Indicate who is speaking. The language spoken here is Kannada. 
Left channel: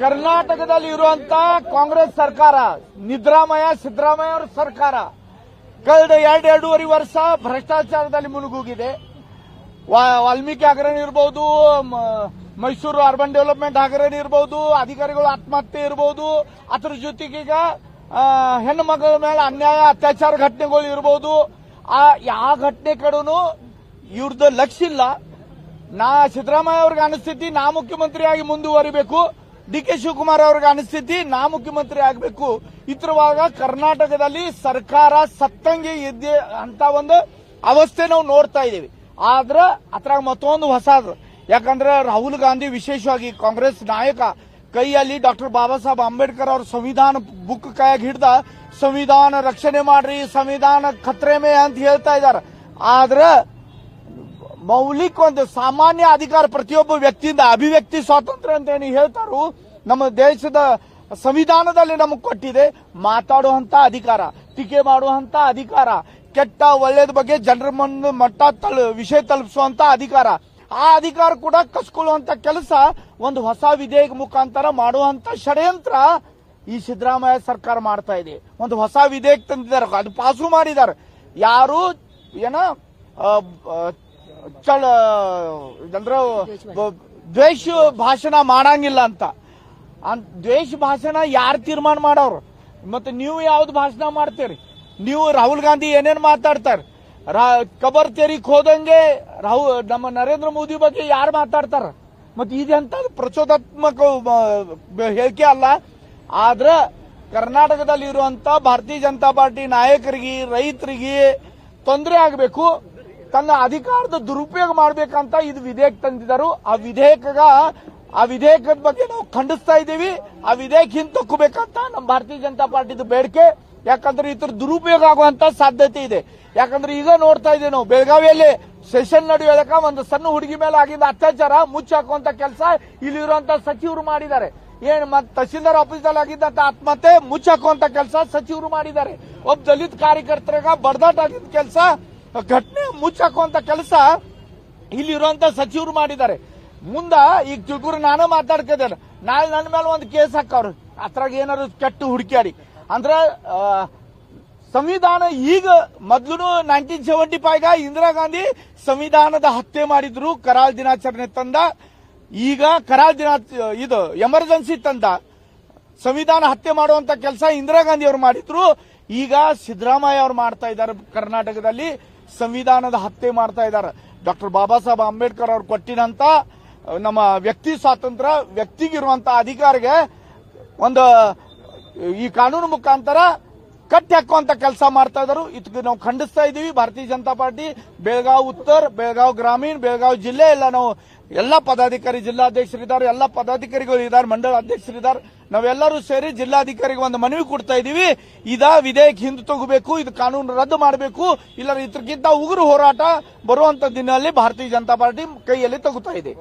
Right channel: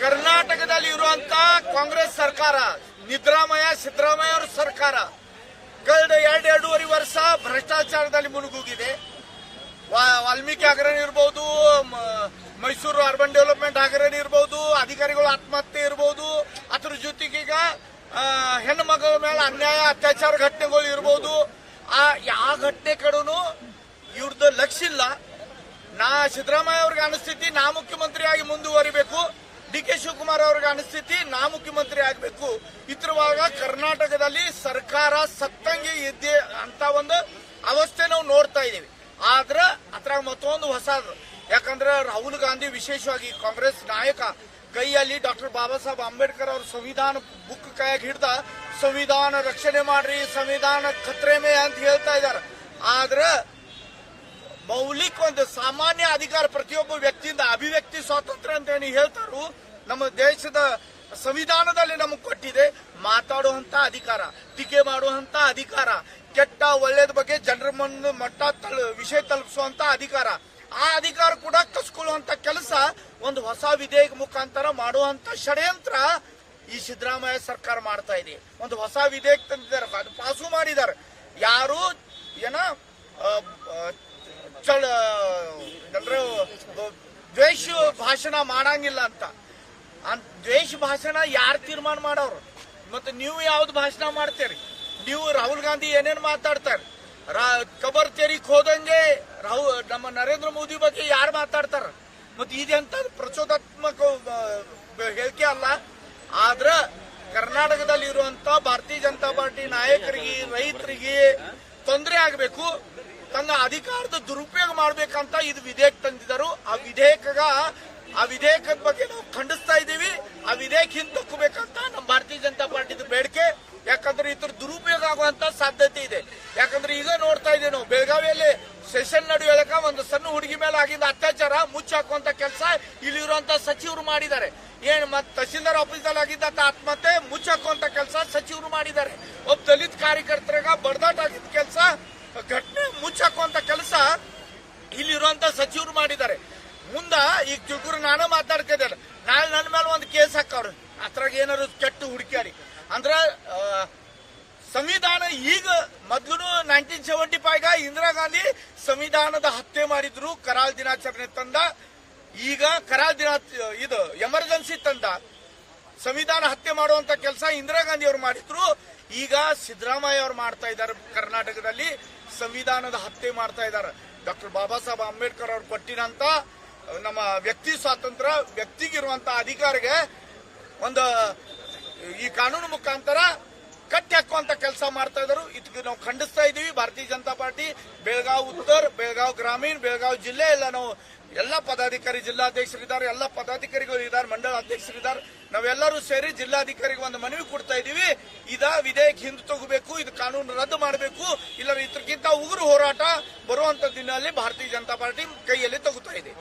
Speaker 1: ಕರ್ನಾಟಕದಲ್ಲಿ ಇರುವಂತ ಕಾಂಗ್ರೆಸ್ ಸರ್ಕಾರ, ನಿದ್ರಾಮಯ, ಸಿದ್ದರಾಮಯ್ಯ ಅವರ ಸರ್ಕಾರ, ಕಳೆದ ಎರಡು, ಎರಡೂವರೆ ವರ್ಷ ಭ್ರಷ್ಟಾಚಾರದಲ್ಲಿ ಮುಳುಗೋಗಿದೆ. ವಾಲ್ಮೀಕಿ ಹಗರಣ ಇರ್ಬೋದು, ಮ- ಮೈಸೂರು ಅರ್ಬನ್ ಡೆವಲಪ್ಮೆಂಟ್ ಹಗರಣ ಇರ್ಬೋದು, ಅಧಿಕಾರಿಗಳು ಆತ್ಮಹತ್ಯೆ ಇರ್ಬೋದು, ಅದ್ರ ಜೊತೆಗೀಗ ಹೆಣ್ಣು ಮಗಳ ಮೇಲೆ ಅನ್ಯಾಯ, ಅತ್ಯಾಚಾರ ಘಟನೆಗಳು ಇರ್ಬೋದು. ಆ, ಯಾವ ಘಟನೆ ಕಡೆನೂ ಇವ್ರದ್ದು ಲಕ್ಷ ಇಲ್ಲ ನಾ, ಸಿದ್ದರಾಮಯ್ಯ ಅವ್ರಿಗೆ ಅನಿಸ್ತೈತಿ ನಾ ಮುಖ್ಯಮಂತ್ರಿಯಾಗಿ ಮುಂದುವರಿಬೇಕು. ಡಿ ಕೆ ಶಿವಕುಮಾರ್ ಅವ್ರಿಗೆ ಅನಿಸ್ಥಿತಿ ನಾ ಮುಖ್ಯಮಂತ್ರಿ ಆಗಬೇಕು. ಇತರವಾಗ ಕರ್ನಾಟಕದಲ್ಲಿ ಸರ್ಕಾರ ಸತ್ತಂಗೆ ಇದ್ದೆ ಅಂತ ಒಂದು ಅವಸ್ಥೆ ನಾವು ನೋಡ್ತಾ ಇದ್ದೀವಿ. ಆದ್ರೆ ಅದ್ರಾಗ ಮತ್ತೊಂದು ಹೊಸದು. ಯಾಕಂದ್ರೆ ರಾಹುಲ್ ಗಾಂಧಿ ವಿಶೇಷವಾಗಿ ಕಾಂಗ್ರೆಸ್ ನಾಯಕ, ಕೈಯಲ್ಲಿ ಡಾಕ್ಟರ್ ಬಾಬಾ ಸಾಹೇಬ್ ಅಂಬೇಡ್ಕರ್ ಅವ್ರ ಸಂವಿಧಾನ ಬುಕ್ ಕೈಯಾಗಿ ಹಿಡ್ದ, ಸಂವಿಧಾನ ರಕ್ಷಣೆ ಮಾಡ್ರಿ, ಸಂವಿಧಾನ ಖತ್ರೆ ಅಂತ ಹೇಳ್ತಾ ಇದ್ದಾರೆ ಆದ್ರೆ ಮೌಲಿಕ ಒಂದು ಸಾಮಾನ್ಯ ಅಧಿಕಾರ ಪ್ರತಿಯೊಬ್ಬ ವ್ಯಕ್ತಿಯಿಂದ ಅಭಿವ್ಯಕ್ತಿ ಸ್ವಾತಂತ್ರ್ಯ ಅಂತ ಏನು ಹೇಳ್ತಾರೋ, ನಮ್ಮ ದೇಶದ ಸಂವಿಧಾನದಲ್ಲಿ ನಮಗೆ ಕೊಟ್ಟಿದೆ, ಮಾತಾಡುವಂತ ಅಧಿಕಾರ, ಟೀಕೆ ಮಾಡುವಂತ ಅಧಿಕಾರ, ಕೆಟ್ಟ ಒಳ್ಳೆಯದ ಬಗ್ಗೆ ಜನರ ಮುಂದೆ ಮಟ್ಟ ತಲ್ ವಿಷಯ ತಲುಪಿಸುವಂತ ಅಧಿಕಾರ, ಆ ಅಧಿಕಾರ ಕೂಡ ಕಸ್ಕೊಳ್ಳುವಂತ ಕೆಲಸ ಒಂದು ಹೊಸ ವಿಧೇಯಕ ಮುಖಾಂತರ ಮಾಡುವಂತ ಷಡ್ಯಂತ್ರ ಈ ಸಿದ್ದರಾಮಯ್ಯ ಸರ್ಕಾರ ಮಾಡ್ತಾ ಇದೆ. ಒಂದು ಹೊಸ ವಿಧೇಯಕ ತಂದಿದ್ದಾರೆ, ಅದು ಪಾಸು ಮಾಡಿದ್ದಾರೆ. ಯಾರು, ಏನ ಚಳ ಬ- ದ್ವೇಷ ಭಾಷಣ ಮಾಡಂಗಿಲ್ಲ ಅಂತ. ದ್ವೇಷ ಭಾಷಣ ಯಾರು ತೀರ್ಮಾನ ಮಾಡೋರು? ಮತ್ತೆ ನೀವು ಯಾವ್ದು ಭಾಷಣ ಮಾಡ್ತೀರಿ? ನೀವು ರಾಹುಲ್ ಗಾಂಧಿ ಏನೇನು ಮಾತಾಡ್ತಾರೆ? ರಾ- ಕಬರ್ ತೆರಿಗೆ ಹೋದಂಗೆ ರಾಹುಲ್ ನಮ್ಮ ನರೇಂದ್ರ ಮೋದಿ ಬಗ್ಗೆ ಯಾರು ಮಾತಾಡ್ತಾರ? ಮತ್ತೆ ಇದೆಂತ ಪ್ರಚೋದಾತ್ಮಕ ಹೇಳಿಕೆ ಅಲ್ಲ. ಆದ್ರೆ ಕರ್ನಾಟಕದಲ್ಲಿ ಇರುವಂತ ಭಾರತೀಯ ಜನತಾ ಪಾರ್ಟಿ ನಾಯಕರಿಗೆ, ರೈತರಿಗೆ ತೊಂದರೆ ಆಗಬೇಕು. ತನ್ನ ಅಧಿಕಾರದ ದುರುಪಯೋಗ ಮಾಡಬೇಕಂತ ಇದು ವಿಧೇಯಕ ತಂದಿದ್ದರು. ಆ ವಿಧೇಯಕ ಆ ವಿಧೇಯಕದ ಬಗ್ಗೆ ನಾವು ಖಂಡಿಸ್ತಾ ಇದ್ದೀವಿ. ಆ ವಿಧೇಯಕ ಹಿಂತಕ್ಕಬೇಕಂತ ನಮ್ಮ ಭಾರತೀಯ ಜನತಾ ಪಾರ್ಟಿದ ಬೇಡಿಕೆ. ಯಾಕಂದ್ರೆ ಇತರ ದುರುಪಯೋಗ ಆಗುವಂತ ಸಾಧ್ಯತೆ ಇದೆ. ಯಾಕಂದ್ರೆ ಈಗ ನೋಡ್ತಾ ಇದ್ದೀವಿ ನಾವು, ಬೆಳಗಾವಿಯಲ್ಲಿ ಸೆಷನ್ ನಡೆಯೋದಕ್ಕ ಒಂದು ಸಣ್ಣ ಹುಡುಗಿ ಮೇಲೆ ಆಗಿದ್ದ ಅತ್ಯಾಚಾರ ಮುಚ್ಚಾಕುವಂತ ಕೆಲಸ ಇಲ್ಲಿರುವಂತ ಸಚಿವರು ಮಾಡಿದ್ದಾರೆ. ಏನ್ ಮತ್ ತಹಸೀಲ್ದಾರ್ ಆಫೀಸಲ್ಲಿ ಆಗಿದ್ದಂತ ಆತ್ಮಹತ್ಯೆ ಮುಚ್ಚಾಕುವಂತ ಕೆಲಸ ಸಚಿವರು ಮಾಡಿದ್ದಾರೆ. ಒಬ್ಬ ದಲಿತ ಕಾರ್ಯಕರ್ತರಾಗ ಬಡದಾಟ ಆಗಿದ್ದ ಕೆಲಸ ಘಟನೆ ಮುಚ್ಚಾಕುವಂತ ಕೆಲಸ ಇಲ್ಲಿರುವಂತ ಸಚಿವರು ಮಾಡಿದ್ದಾರೆ. ಮುಂದ ಈಗ ತಿಳ್ಕುರು ನಾನು ಮಾತಾಡ್ತಿದ್ದೇನೆ ನಾಳೆ ನನ್ನ ಮೇಲೆ ಒಂದು ಕೇಸ್ ಹಾಕವ್ರು. ಅದ್ರಾಗ ಏನಾದ್ರು ಕೆಟ್ಟು ಹುಡುಕ್ಯಾಡಿ. ಅಂದ್ರೆ ಸಂವಿಧಾನ ಈಗ ಮೊದ್ಲು nineteen seventy five Indira Gandhi ಸಂವಿಧಾನದ ಹತ್ಯೆ ಮಾಡಿದ್ರು, ಕರಾಳ ದಿನಾಚರಣೆ ತಂದ. ಈಗ ಕರಾಳ ದಿನ, ಇದು ಎಮರ್ಜೆನ್ಸಿ ತಂದ. ಸಂವಿಧಾನ ಹತ್ಯೆ ಮಾಡುವಂತ ಕೆಲಸ ಇಂದಿರಾ ಗಾಂಧಿ ಅವರು ಮಾಡಿದ್ರು. ಈಗ ಸಿದ್ದರಾಮಯ್ಯ ಅವರು ಮಾಡ್ತಾ ಇದ್ದಾರೆ ಕರ್ನಾಟಕದಲ್ಲಿ ಸಂವಿಧಾನದ ಹತ್ಯೆ ಮಾಡ್ತಾ ಇದ್ದಾರೆ. ಡಾಕ್ಟರ್ ಬಾಬಾ ಸಾಹೇಬ್ ಅಂಬೇಡ್ಕರ್ ಅವರು ಕೊಟ್ಟಿನಂತ ನಮ್ಮ ವ್ಯಕ್ತಿ ಸ್ವಾತಂತ್ರ್ಯ, ವ್ಯಕ್ತಿಗಿರುವಂತ ಅಧಿಕಾರಿಗೆ ಒಂದು, ಈ ಕಾನೂನು ಮುಖಾಂತರ ಕಟ್ಟಿ ಹಾಕುವಂತ ಕೆಲಸ ಮಾಡ್ತಾ ಇದ್ದಾರೆ. ಇದಕ್ಕೆ ನಾವು ಖಂಡಿಸ್ತಾ ಇದ್ದೀವಿ. ಭಾರತೀಯ ಜನತಾ ಪಾರ್ಟಿ, ಬೆಳಗಾವ್ ಉತ್ತರ, ಬೆಳಗಾವ್ ಗ್ರಾಮೀಣ, ಬೆಳಗಾವ್ ಜಿಲ್ಲೆ ಎಲ್ಲ ನಾವು ಎಲ್ಲ ಪದಾಧಿಕಾರಿ ಜಿಲ್ಲಾಧ್ಯಕ್ಷರಿದ್ದಾರೆ, ಎಲ್ಲ ಪದಾಧಿಕಾರಿಗಳು ಇದ್ದಾರೆ ಮಂಡಳ ಅಧ್ಯಕ್ಷರಿದ್ದಾರೆ. ನಾವೆಲ್ಲರೂ ಸೇರಿ ಜಿಲ್ಲಾಧಿಕಾರಿಗೆ ಒಂದು ಮನವಿ ಕೊಡ್ತಾ ಇದೀವಿ ಇದ ವಿಧೇಯಕ ಹಿಂದೆ ತಗೋಬೇಕು, ಇದು ಕಾನೂನು ರದ್ದು ಮಾಡಬೇಕು. ಇಲ್ಲ ಇದಕ್ಕಿಂತ ಉಗುರು ಹೋರಾಟ ಬರುವಂತ ದಿನದಲ್ಲಿ ಭಾರತೀಯ ಜನತಾ ಪಾರ್ಟಿ ಕೈಯಲ್ಲಿ ತಗೋತಾ ಇದೆ.